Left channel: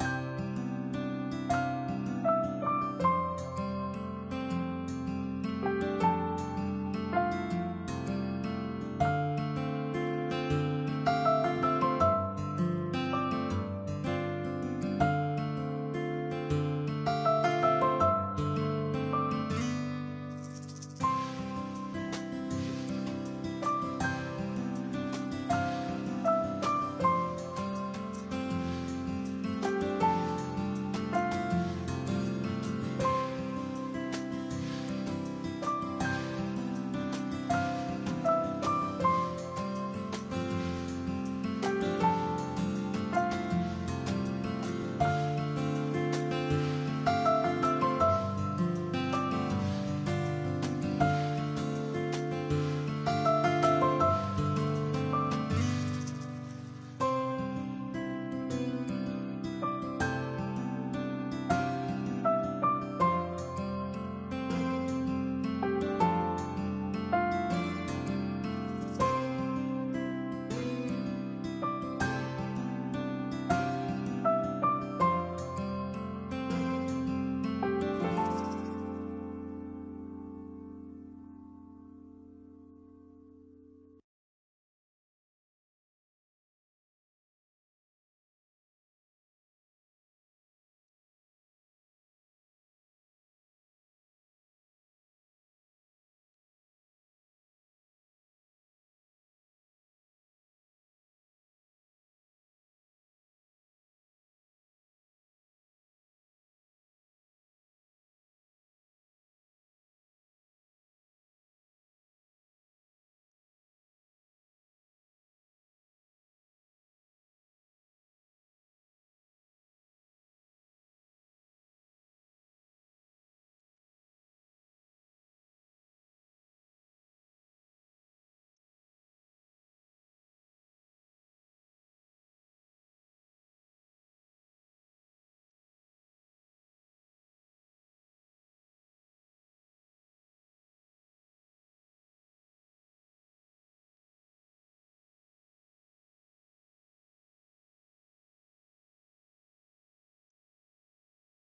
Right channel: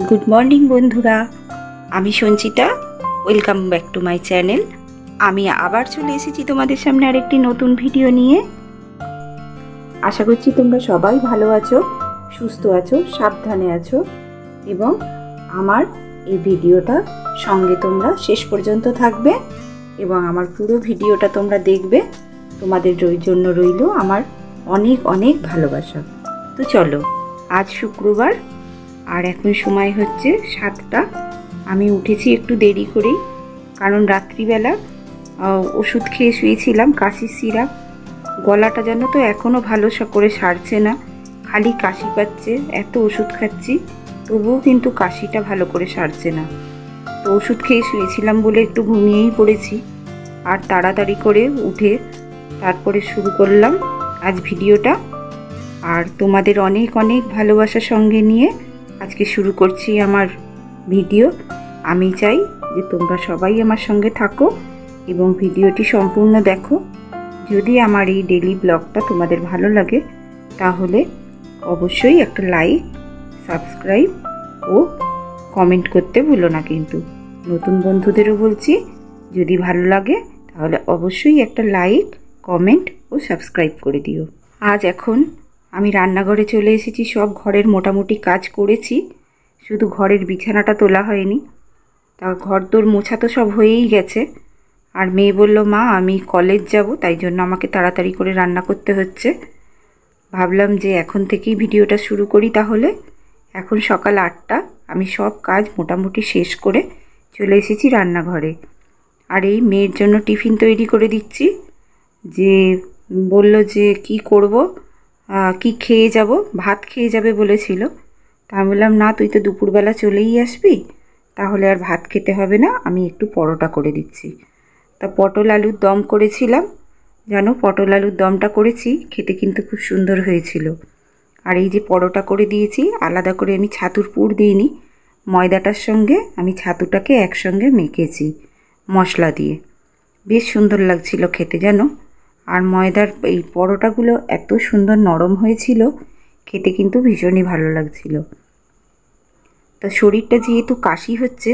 Good morning বন্ধুরা, আমি Sanchita. Welcome back to my channel. আমি আবার চলে এসেছি তোমাদের সামনে আরেকটি নতুন ভিডিও নিয়ে। আশা করছি তোমরা সবাই ভালো আছো, সুস্থ আছো, সাবধানে আছো এবং আমার এই ভিডিওটা সঙ্গে তোমরা শেষ পর্যন্ত থাকবে এবং আমার পুরো ভিডিওটা তোমরা দেখবে। তোমাদের জন্য রইল আমার অনেক অনেক ভালোবাসা। তো চলো, আজ শুক্রবার আর এখন সময় হচ্ছে 7টা। আমি উঠেছি একটু দেরি করেই, কারণ রাত্রিবেলা ওষুধ খেয়ে শুয়েছিলাম, কাশির সিরাপ। গলাটা যেন তো এখনও ভালো করে সারছে না, খালি কাশি পাচ্ছে। এত ওষুধ খাচ্ছি তবুও কিন্তু কাশিটা ভালো করে সারছে না। তো ওষুধ খেয়ে শুয়েছিলাম বলে একটু ঘুমিয়েই পড়েছি, আর তাড়াতাড়ি করে উঠে তারপরে শুরু করলাম আজ ভিডিওটা। আর তোমাদের অনেক অনেক ভালোবাসার সঙ্গে নিয়ে আজকে শুরু করছি আমার ভিডিও। আমি চাই যে তোমরা সবাই আমার সঙ্গে থাকো এবং ভিডিওটি সম্পূর্ণ দেখো। যদি আমার এই ডেইলি ব্লগটা তোমাদের ভালো লাগে তাহলে অবশ্যই একটা লাইক, সাবস্ক্রাইব ও কমেন্ট করতে ভুলো না। কিন্তু নতুন বন্ধুদেরও বলছি, যদি ভালো লাগে তাহলে অবশ্যই একটা লাইক, কমেন্ট ও সাবস্ক্রাইব করে দিও। আজ এখন আমি রান্নাঘরে চলে এসেছি। সব ঘরের মোটামুটি কাজ করেছি, শুধু ঘরের বিছানাটা তোলা হয়নি। তা ঘর তোর মোছা তো সব হয়েই গেছে। আর মেয়ে বলল, মা আমি কলেজ যাব, তাই জন্য আমাকে তাড়াতাড়ি করে রান্না করতে হচ্ছে। ভাবলাম যে এখন থেকেই ভিডিওটা শুরু করি তাহলে। এখন সকাল 8টা, আমি সব কাজ মোটামুটি শেষ করে চলে এসেছি রান্নাঘরে। আর এই মেয়ের জন্য টিফিন তৈরি করে দিচ্ছি। যে বলল যে কি করব, কি খেয়ে যাব, ভাত খেয়ে যাবে বলেছিল। তা আমি বললাম, না তুই তো দুপুরবেলা চলেই আসবি, তাহলে আর ভাত খেতে হবে না, আমি একটু পরোটা করে দিচ্ছি। তা পটল আলুর দম করেছিলাম। জানো, পটল আলুর দমটা করেছি, খেতে কিন্তু খুব সুন্দর হয়েছিল। আর এই যে পরোটা করে দিয়েছি, আলাদা করে আমি ছাতুর পুর দিইনি, ময়দাটার সঙ্গে আমি ছাতুটাকে একসঙ্গে মেখেছি মশলা দিয়ে। বেশ সুন্দর লাগছিল খেতে জানো। আর ময়দার এই পরোটাগুলো এত সুন্দর নরম হয়েছিল, খেতে কিন্তু ভীষণই ভালো লাগছিল। তা শরীরটা যেহেতু কাশি হচ্ছে,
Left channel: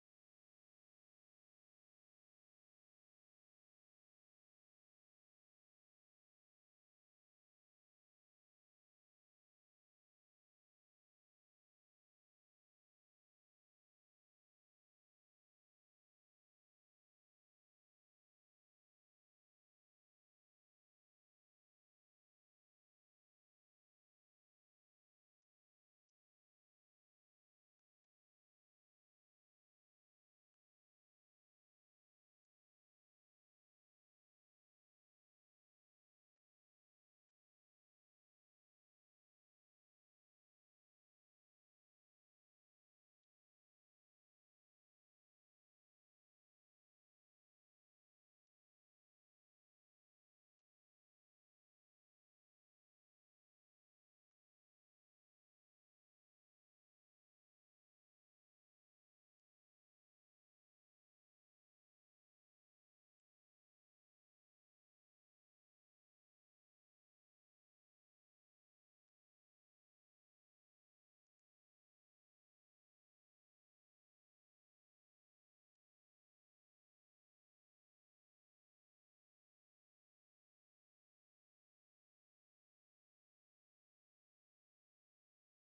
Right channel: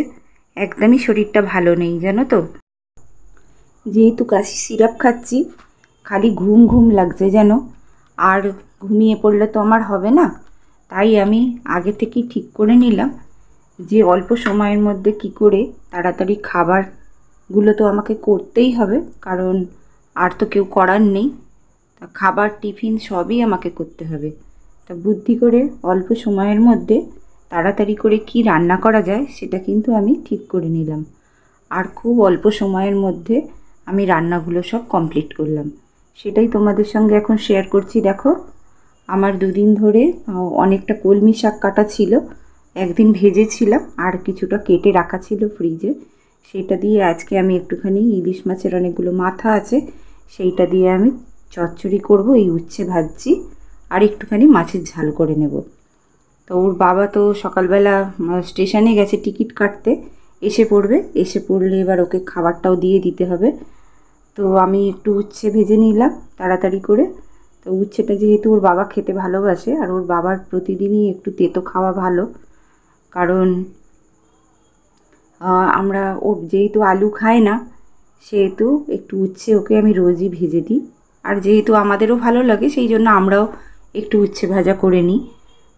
একদমই শরীরটা ভালো নেই জানো তো। যেহেতু কাশি সিরাপ খাচ্ছি, খালি ঘুম ঘুম লাগছে যেন। আর ঘুমিয়ে পড়লে তো আমার হবে না, তাই আমি আগে থেকেই ঠিক করে নিলাম যে অল্প সময়ের মধ্যে কি করে তাড়াতাড়ি খাবারগুলো তো আমাকে করতেই হবে, কারণ আর তো কেউ করার নেই। তা খাবার, টিফিন সবই আমাকে করতে হবে। তা বুদ্ধি করে অল্প সময়ের মধ্যে তাড়াতাড়ি করে কি রান্না করা যায় সেটা কিন্তু আমি ঠিক করে নিলাম। আর খুব অল্প সময়ের মধ্যে আমি রান্নাগুলো সব কমপ্লিট করলাম, সেটাই তোমাদের সঙ্গে এখন শেয়ার করছি। দেখো, আমার দুদিন ধরে অনেকটা কলমি শাক কাটা ছিল, একদিন ভেজেছিলাম আর কিছুটা কেটে রাখা ছিল ফ্রিজে। সেটা দিয়ে আজকে আমি একটুখানি ইলিশ মাছের অনেকগুলো মাথা আছে, সেইটা দিয়ে আমি চচ্চড়ি করব। এই উচ্ছে ভাজছি আর একটুখানি মাছের ঝাল করে নেব। তো ওর বাবা তো সকালবেলা স্টেশনে গেছে টিকিট কাটতে, এসে পড়লে এবার ওকে খাবারটাও দিয়ে দিতে হবে। তো আমি একটু উচ্ছে ভেজে নিলাম তাড়াতাড়ি করে। তো উচ্ছেটা যেহেতু ওর বাবা খেতে ভালোবাসে, আর ওর বাবার প্রতিদিনই একটু তেতো খাওয়া ভালো, কারণ আমরা ও যেহেতু আলু খায় না, সেহেতু একটু উচ্ছে ওকে আমি রোজই ভেজে দিই। আর যেহেতু আমাদেরও ভালো লাগে সেই জন্য আমরাও একটু উচ্ছে ভাজা করে নিই।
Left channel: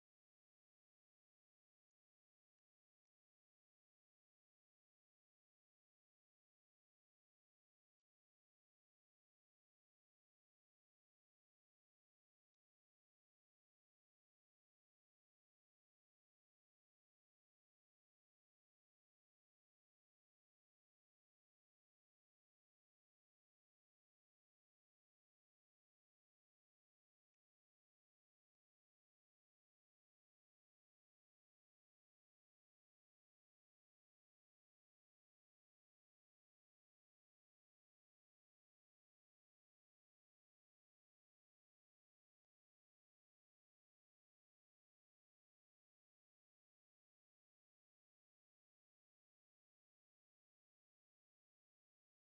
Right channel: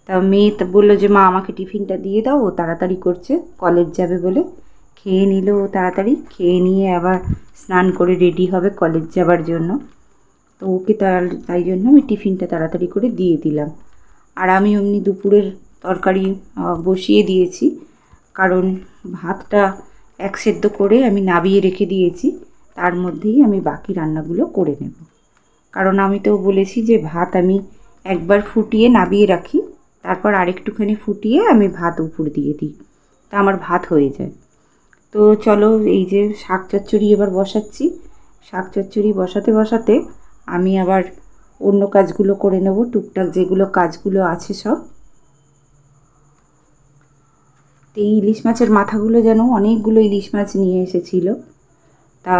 তা মেয়ে বললো যে মা আমাকে টিফিনটা দিয়ে দাও, ও তাড়াতাড়ি করছে, কলেজ যাবে বলে। খেয়ে নিল ও তাড়াতাড়ি, খেয়ে নিয়ে আবার স্নান করে রেডি হবে কলেজ যাবার জন্য। তো ওকে তাই জন্য আমি টিফিনটা তাড়াতাড়ি করে দিয়ে দিলাম। আর আমি অমনি দুপুরের তরকারি বসিয়ে দিয়েছি, কারণ ভাতটা এক সেদ্ধ করে আমি নাবিয়ে রেখে দিয়েছি, তার মধ্যেই আমি বাকি রান্নাগুলো করে নেব। কারণ আমি তো বলেছি যে ভাত আমি একবার ফুটিয়ে নাবিয়ে রাখি, তারপর আরেকটুখানি ফুটিয়ে আমি ভাত উপর দিয়ে দিই, তা আমার ভাত হয়ে যায়। তো চলো, এই যে শাক চচ্চড়ি এবার বসাচ্ছি। শাক চচ্চড়ি বসাতে বসাতে আমি আবার অন্য কাজগুলো করে নেব, টুকটাক যেগুলো কাজগুলো আছে সব। তো এই ইলিশ মাছের মাথাগুলো যেন অনেকগুলো ইলিশ মাছ নিয়ে এসেছিল। তা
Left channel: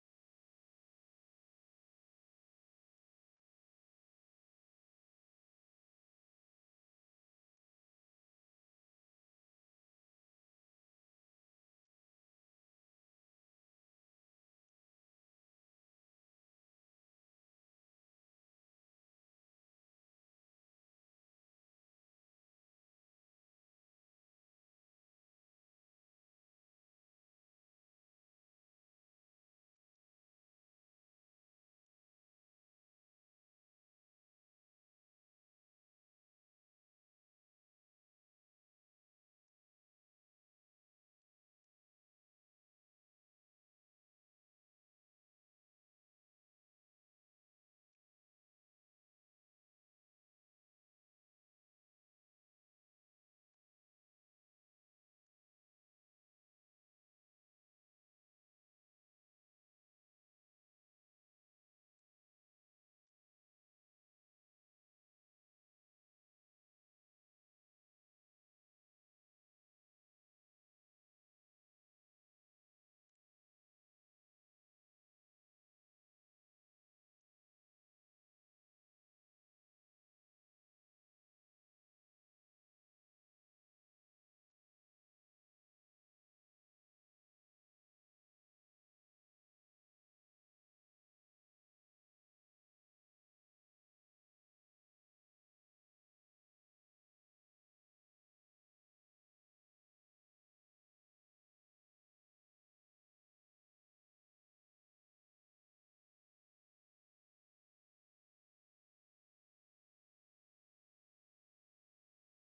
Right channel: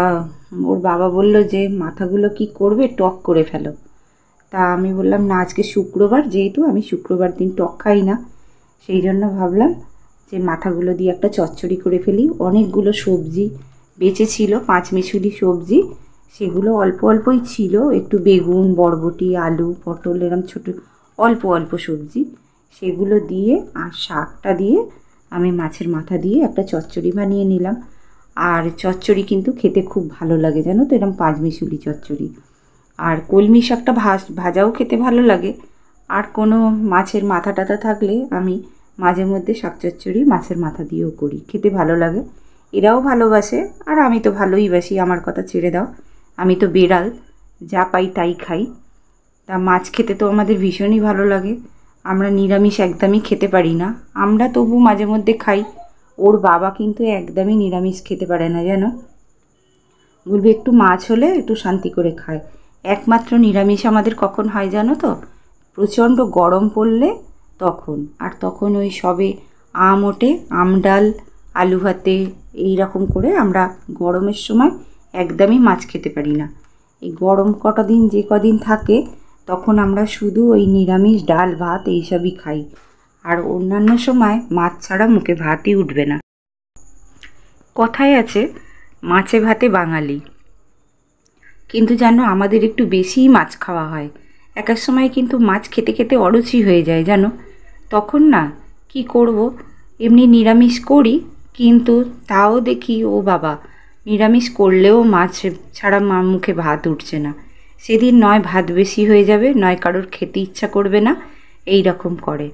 ওর বাবা বলল যে মাথাগুলো কি করবে, টক করে ফেলো। তা আমি বললাম না, আজকে শুক্রবার, যেহেতু আমি শুক্রবার দিন টক খাই না, সেই জন্য ভাবলাম যে মাথাগুলো দিয়ে একটা চচ্চড়ি করে ফেলি। অনেকগুলো সবজি বেঁচে ছিল, পাঁচমিশুলি সবজি, সেগুলো অল্প অল্পই ছিল, একটু বেগুন, বরবটি, আলু, পটল, এরম ছোটো অল্প অল্প সবজি, সেগুলো দিয়ে আর শাকটা দিয়ে আমি মাছের মাথা দিয়ে একটা চচ্চড়ি বানিয়ে নিলাম। আর চচ্চড়ি কিন্তু খেতে খুব ভালো লাগে, জানো তো, এরম পাঁচমিশুলি চচ্চড়ি। আর কলমি শাকটা ভাজাও খেতে ভালো লাগে। আর কোনো মাছের মাথা টাথা থাকলে আমি মাঝে মধ্যে শাক চচ্চড়ি মাছের মাথা দিয়েও করি, খেতে ভালো লাগে। এরাও ভালোবাসে আর আমি তো ভালোই বাসি, আমার কথা ছেড়ে দাও, আমি তো বেড়াল, যা পাই তাই খাই। তা মাছ খেতে তো আমাদের ভীষণই ভালো লাগে। আমরা নিরামিষ একদমই খেতে পারি না, আমরা তবু মাঝে মধ্যে খাই। ওর বাবা কিন্তু একদমই নিরামিষ খেতে পারে না, জানো, বলবে একটু মাছ হলে একটু শান্তি করে খায়। একমাত্র নিরামিষ আমাদের কখন হয় জানো তো, প্রচণ্ড গরম পড়লে তখন। আর তখন ওই সবে আম ওঠে, আম ডাল, আলু ভাতে, এই রকম করে আমরা গরমের সময় একদমই মাছ খেতে পারি না। এই গরম কটা দিন যে কদিন থাকে তখন আমরা শুধু ওই নিরামিষ ডাল ভাত এইসবই খাই। আর অন্যান্য সময় মাছ ছাড়া মুখে ভাতই উঠবে না। কথায় আছে মাছে ভাতে বাঙালি, কিন্তু জানো আমাদের একটু বেশিই মাছ খাওয়া হয়। এক এক সময় কিন্তু মাছ খেতে খেতে অরুচি হয়ে যায়, জানো, তখন না কি করব, এমনি নিরামিষ করি, কিন্তু তাও দেখি ও বাবা, নিরামিষ করলেও মাছ ছাড়া মুখে ভাত উঠছে না। সেদিন নয় ভাত বেশি হয়ে যাবে, নয় কারোর খেতে ইচ্ছা করবে না, এই রকম করে।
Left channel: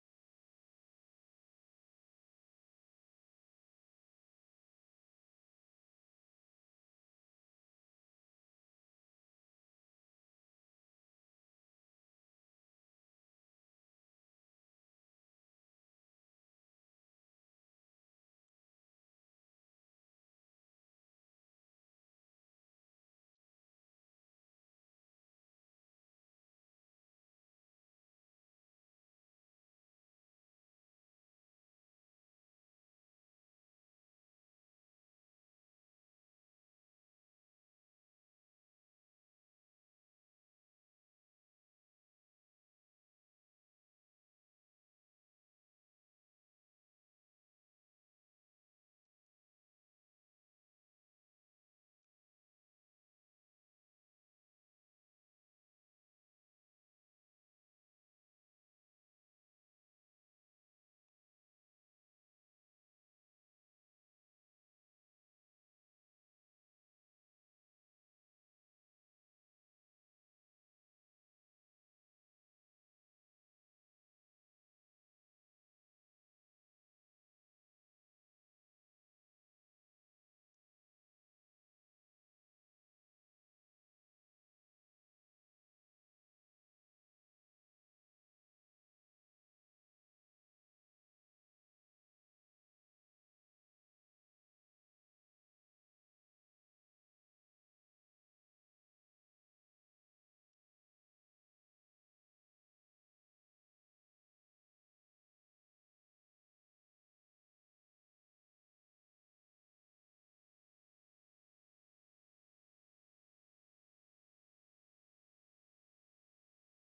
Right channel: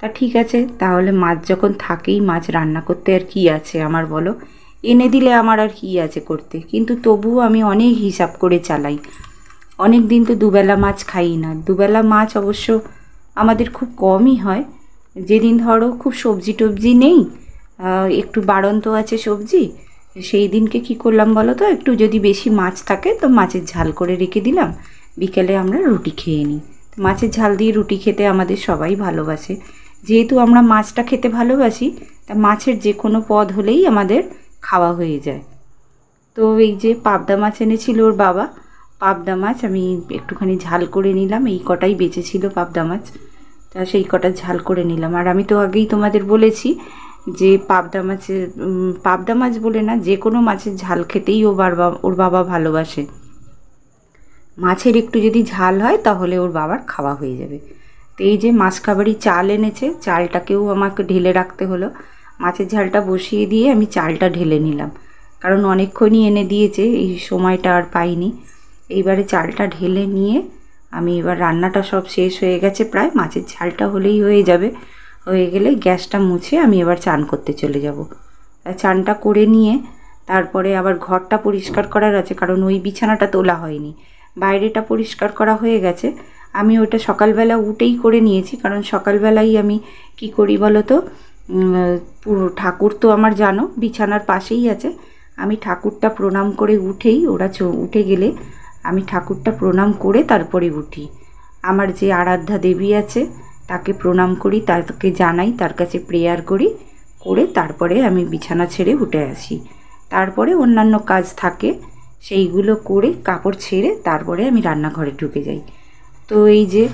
তা ঠিক আছে, তাহলে মাছ যখন থাকেই, মাছ রান্না করতে আর কি আছে আমার, বলো, এনে দিলে আমার আর কি আছে করতে। কিন্তু তবুও আমি অনেক হিসাব করে চালাই। অনেক দিন তো দুবেলা মাছ খাই না, দুবেলা মাছ অবশ্য আমাদের খুব কমই হয়। যেদিন ধরো খুব সবজি টবজি নেই, একটু বাড়ন্ত আছে সবজি, সেই দিনকে কি করলাম বলো তো, একটু যদি বেশি মাছ থাকে তো মাছের ঝাল করে রেখে দিলাম, বিকেলে আমরা রুটি খেয়ে নিই। মাছের ঝাল দিয়ে রুটি খেতে আমাদের সবাই ভালোবাসে। যেহেতু আমরা মাছটা খেতে ভালোবাসি, তা মাছের যে কোনো পদ হলেই আমাদের খাওয়া হয়ে যায়। তো এই যে পাবদা মাছ এনেছিল ওর বাবা, পাবদা মাছ আমি একটুখানি ঝাল করে নিলাম, এই কটাই বেঁচে ছিল পাবদা মাছ, তা সেই কটা ঝাল করে নিলাম। আর আমি তো আগেই তোমাদের বলেছি যে পাবদা মাছ বলে না, যে কোনো মাছের ঝাল খেতেই ওর বাবা ভালোবাসে। মাছের একটু যদি ঝাল হয় তাহলে ওর বাবার খাওয়া হয়ে যাবে। তো এই যে মাসকাবারি চাল এনেছে, চালটাকেও আমাকে ঢেলে রাখতে হলো। মাছের ঝালটা বসিয়ে দিয়ে আমি চালটা ঢেলে নিলাম, কারণ অনেকক্ষণই এনে দিয়েছে, এই সময়টা আর পাইনি। এইবারে চালটা ঢেলে নিয়ে আমি এবার রান্নাটা সব শেষ হয়ে গেছে প্রায়, মাছের ঝালটা হলেই হয়ে যাবে। হয়ে গেলে গ্যাসটা মুছে আমি এবার চান করতে চলে যাব। চানটা করে নিয়ে তারপরে আবার ঘরটা পরিষ্কার করার আছে, কারণ ওই বিছানাটা তোলা হয়নি, বাইরেটা পরিষ্কার করা হয়ে গেছে। আমি ওটা সকালবেলা উঠেই করে নিয়েছি, কারণ সকালবেলাই আমি কি করি বলো তো, পুরো ঠাকুর তো আমার জানো বিছানার পাশেই আছে, আমি ঠাকুরটা প্রণাম করে উঠেই, ওরা উঠে গেলে আমি ঠাকুরটা প্রণাম করে তারপরে উঠি। আমার যে আরাধ্যা দেবী আছে তাকে প্রণাম করি, তাকে জানাই, তার কাছে প্রেয়ার করি, করে তারপরে আমি বিছানা ছেড়ে উঠে আসি। তারপরে অন্যান্য কাজ থাকে সেইগুলো করে কাপড় ছেড়ে তারপরে আমি রান্নাঘরে ঢুকে যাই। তো এই যে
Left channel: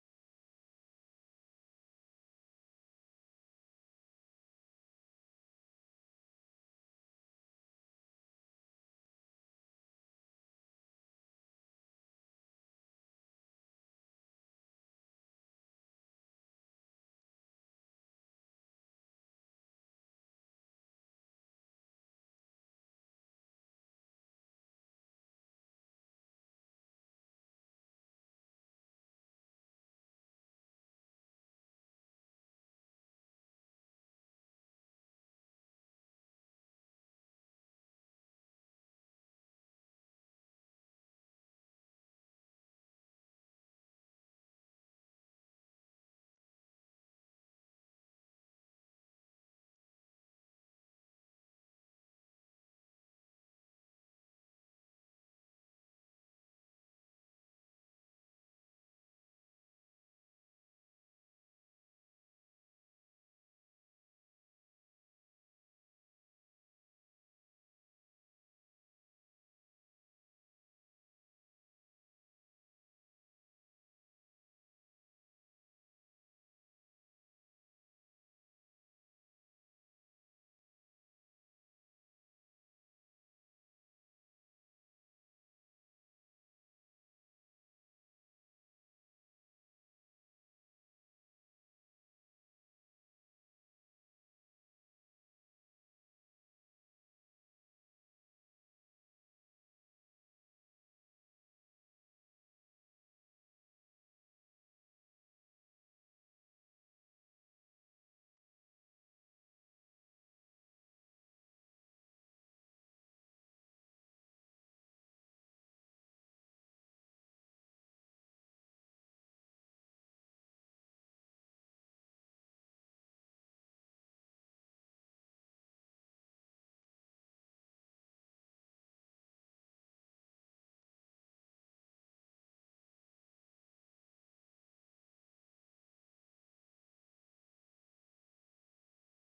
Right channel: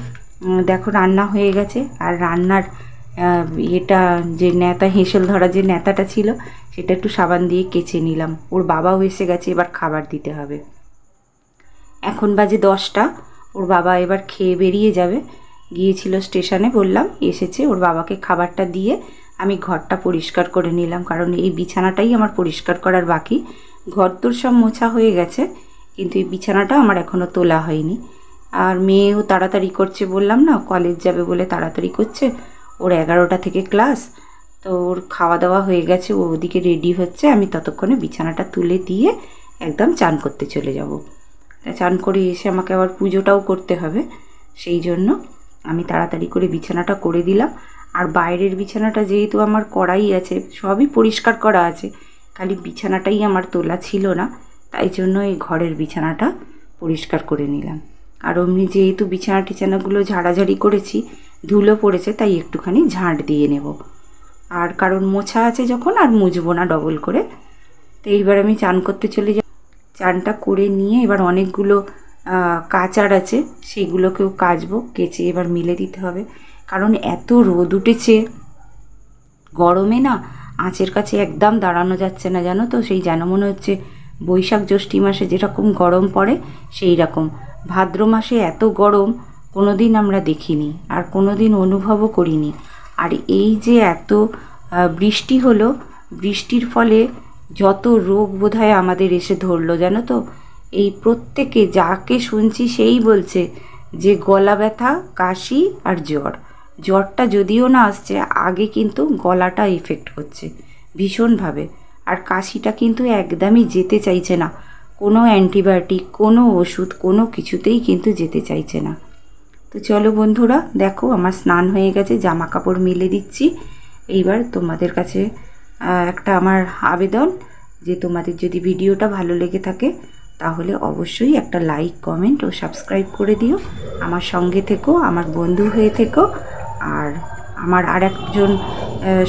দেখো রান্না হয়ে গেছে। আর রান্নার এটা যে ন্যাতা, হেঁসেল ধরা যে ন্যাতাটা ছিল সেটা একটু সাবান দিয়ে কেচে নিলাম। ওর বাবাও এসে গেছে, এবার খাবার দিতে হবে। এখন বাজে 10টা, ওর বাবা এবার খেয়ে বেরিয়ে যাবে। গিয়েছিল স্টেশনে, বললাম, এসেছে, ওর বাবাকে খাবারটা দিয়ে আমি ঘরটা পরিষ্কার করে নিলাম, কারণ এই বিছানাটাই আমার পরিষ্কার করার বাকি। ঘর তোর সব মোছা হয়ে গেছে, কিন্তু এই বিছানাটা আমার এখনও তোলা হয়নি। আর মেয়েও তাড়াতাড়ি করছে, বললাম না কলেজ যাবে বলে তাড়াতাড়ি করছে, ওর 11টা থেকে ক্লাস, তো ওর খাওয়া দাওয়া হয়ে গেছে, ও ওদিকে রেডি হচ্ছে, আমি ততক্ষণে বিছানাটা তুলে দিয়ে একদম চান করতে চলে যাব। তা চান করে এসে আমাকে আবার পুজোটাও করতে হবে, সেই জন্য আমি তাড়াতাড়ি করে বিছানাটা করে দিলাম। আর বাইরের বিছানাটা যেহেতু আমার করাই আছে, সবই পরিষ্কার করা আছে, খালি বিছানাটাই আমার তোলা ছিল না, তাই জন্য এই ঘরের বিছানাটা পরিষ্কার করে নিলাম। আর অমনি যেহেতু বিছানা টিছানাগুলো ঝাড়াঝাড়ি করেছি, ধুলো পড়েছে, তাই একটুখানি ঝাঁট দিয়ে নেব। আর কারণ মোছা আছে যখন আর মুছবো না ডবল করে। তো এইবার আমি চান করতে চলে যাই। চানটা করে নিয়ে এবার অনেকগুলো কাচার আছে, সেগুলোকেও কাচবো, কেচে এবার মিলে দিতে হবে, কারণ এত রোদ উঠেছে, গরমে না আঁচের কাছে একদম দাঁড়ানো যাচ্ছে না, জানো তো। সেই যেন মনে হচ্ছে বৈশাখ জ্যৈষ্ঠী মাসে যেরকম গরম পড়ে সেই রকম। ভাদ্র মাসে এত গরম কোনো দিন আমরা দেখিনি আর কোনো দিন অনুভবও করিনি। আর এই যে এত বৃষ্টি হলো, বৃষ্টির ফলে যত রোগ বোধহয় আমাদের এসে ধরলো, জানো তো। এই প্রত্যেকে যাকে শুনছি সেই বলছে যে গলা ব্যথা, কাশি আর জ্বর। জ্বরটা যদিও না আসছে, আগে কিন্তু গলাটা এফেক্ট করছে ভীষণভাবে। আর কাশিটা কিন্তু একদমই যেতে চাইছে না, কোনো অ্যান্টিবায়োটিক, কোনো ওষুধ, কোনো কিছুতেই কিন্তু যেতে চাইছে না। তো চলো বন্ধুরা, দেখো আমার স্নান হয়ে গেছে, জামা কাপড় মেলে দিচ্ছি। এইবার তোমাদের কাছে একটা আমার আবেদন, যে তোমাদের যদি ভিডিওটা ভালো লেগে থাকে তাহলে অবশ্যই একটা লাইক, কমেন্ট ও সাবস্ক্রাইব করে দিও। আমার সঙ্গে থেকো, আমার বন্ধু হয়ে থেকো। আর আমার আর একজন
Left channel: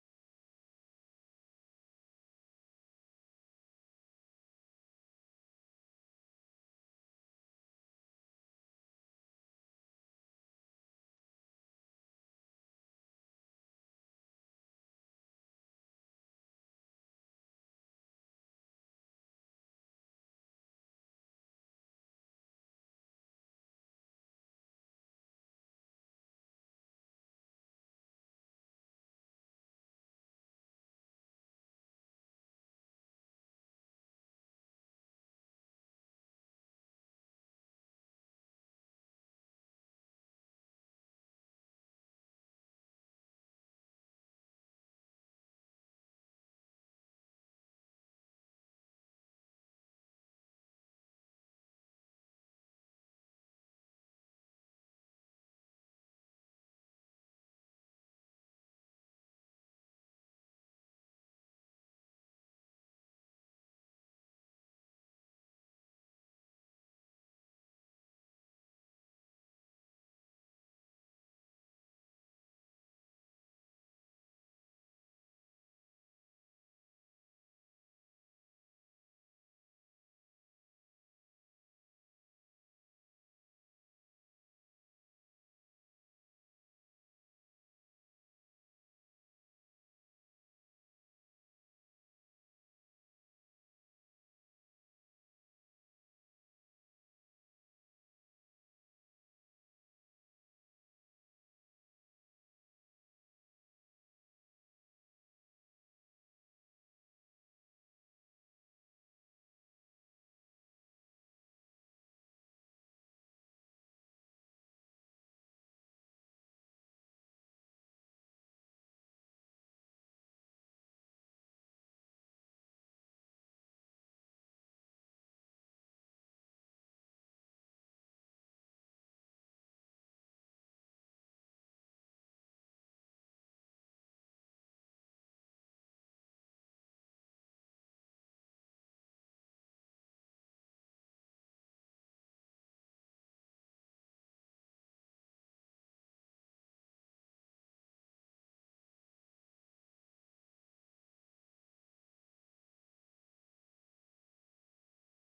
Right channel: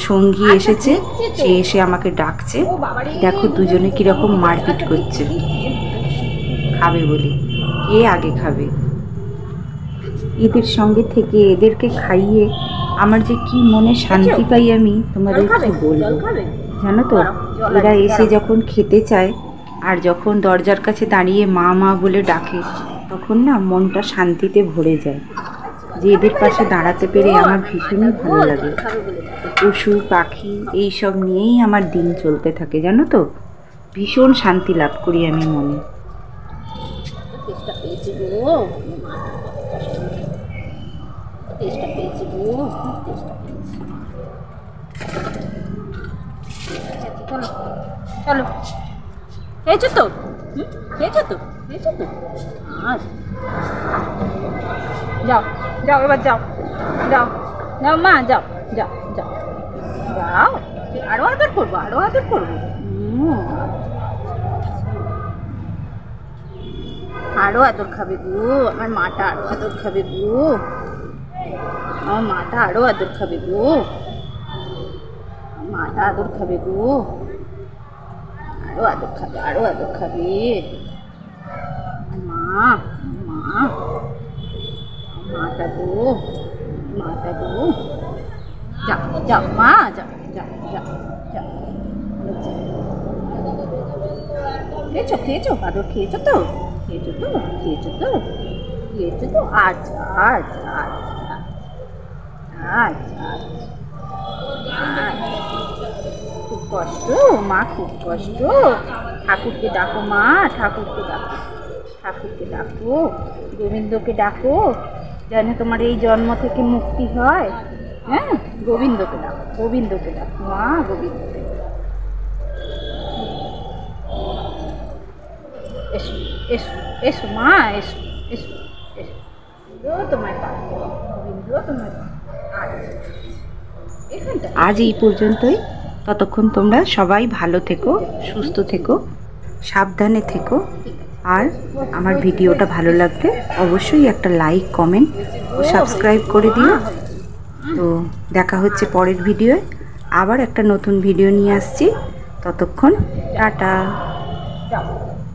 সঙ্গী এসেছে, সে এসে আমাকে ডাকছে। দেখো দুজনে কীরকম মারপিট করছে খাবে বলে, কে আগে খাবে। এদের সঙ্গে থেকে এদেরকে খাইয়ে আমার যে কি মনে শান্তি পাই আমি তোমাদের কি বলবো, জানো তো। এরা এসে যখন খেতে চায় আর যখন দরজার কাছে দাঁড়িয়ে মা মা বলে ডাকে, তখন না মনটা শান্তিতে ভরে যায়। যে এদের পাশে দাঁড়াতে পেরে আমার ভীষণই ভালো লাগে। পশু পাখি এইসব নিয়েই আমার দিন চলতে থাকে, জানো তো। ভীষণ শান্তি লাভ করি আমি মনে। চলো, খেয়েছো তো? খেয়েছো তো? খেয়েছো তো? যাও যাও, এবার যাও যাও যাও মা, যাও যাও যাও যাও। আরো আদর করবো, আরো আদর করবো। আরো আদর খাবে গো, আমার মাটা আরো আদর খাবে গো, আমার মাটা আরো আদর খাবে গো, মাটা আদর খাবে গো, আরো আদর খাবে, আরো আদর খাবে। মা মা মাটা গো, মাটা গো, যাও যাও মা, যাও যাও যাও যাও। খেয়েছো খেয়েছো, আদর খেয়েছো তো? খেয়েছো তো? খেয়েছো তো? খেয়েছো তো? আচ্ছা আচ্ছা আচ্ছা আচ্ছা আচ্ছা। খুব কষ্ট মা, খুব কষ্ট। ঠাকুরকে ডাকো মা, ঠাকুরকে ডাকো, ঠাকুরকে ডাকো, গোবিন্দকে ডাকো, যেন তোমার এই জন্ম থেকে মুক্তি হয়। হ্যাঁ, গোবিন্দকে ডাকো, গোবিন্দকে ডাকো মা, গোবিন্দকে। এসো এসো এসো মা, এসো এসো এসো, তোমায় পাবো, গোবিন্দ তোমায় পাবো। আজ এই পর্যন্তই। ততক্ষণ তোমরা সবাই ভালো থেকো, সুস্থ থেকো, সাবধানে থেকো। আর আমার ভিডিওটা ভালো লাগলে অবশ্যই একটা লাইক, কমেন্ট ও সাবস্ক্রাইব করে দিও। তো দেখা হচ্ছে পরের ভিডিওয়, আবার একটা নতুন ভিডিও নিয়ে আসছি। ততক্ষণ টাটা।